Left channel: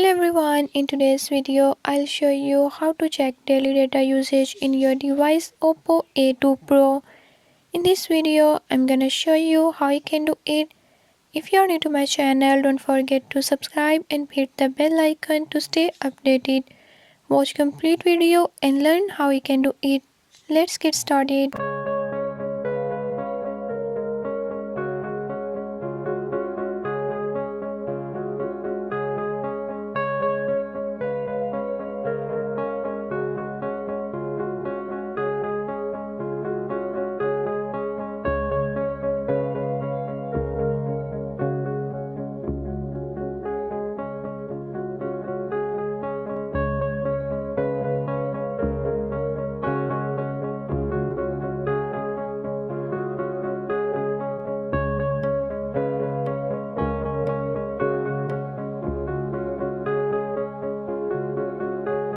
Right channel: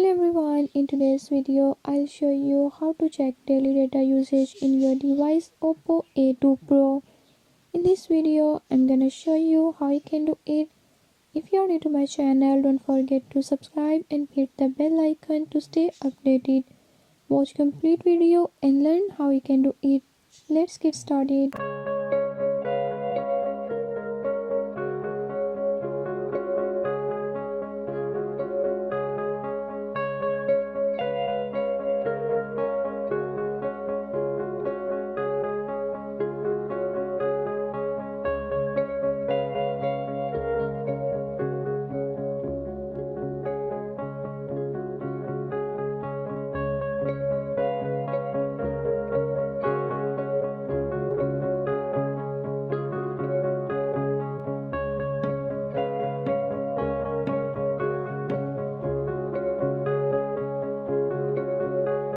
Hello everyone, in today's video I'll show you how to check daily data usage in your device OPPO A2 Pro. In this video I'm gonna show you how you can do it. If you're new to my channel, don't forget to subscribe and hit the bell icon to stay updated. Watch complete video and learn how you can do it. Let's get started.